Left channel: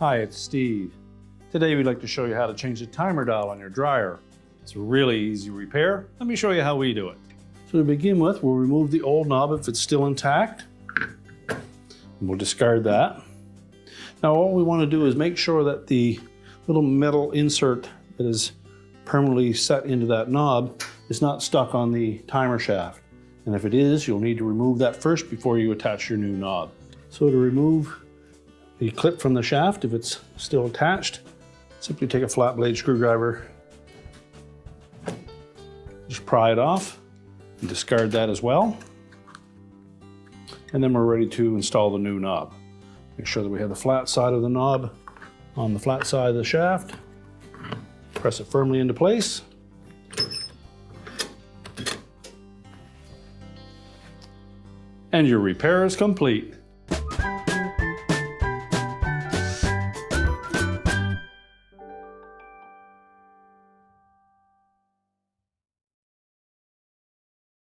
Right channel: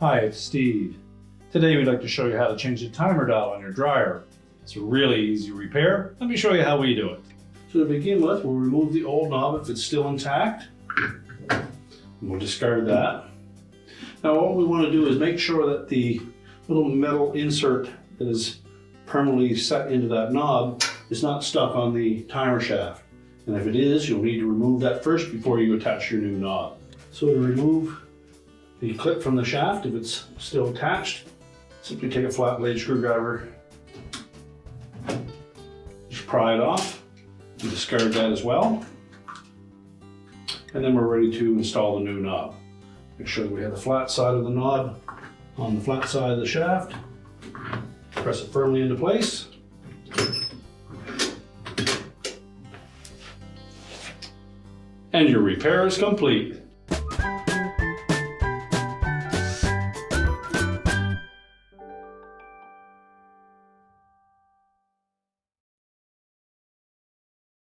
Hi, it's Steve. Today we'd like to show you how to change the timer dial on your dryer. It's a really easy repair. Let me show you how we do it. So to begin with, we'll remove the old knob if it's still intact. We'll discard that. Now all we want to do is make sure that the little metal insert that is permanently set into that knob is not stuck on the timer shaft. And if it is, you'll need to remove that first before you attach your new knob. So to remove the clip from the shaft, if it's still attached, simply take a flat blade screwdriver, just pry it off, and discard that as well. And then we're ready to install the new knob. Make sure that we have the flat side of the knob on the flat side of the shaft. Press it firmly into place. And your repair is complete.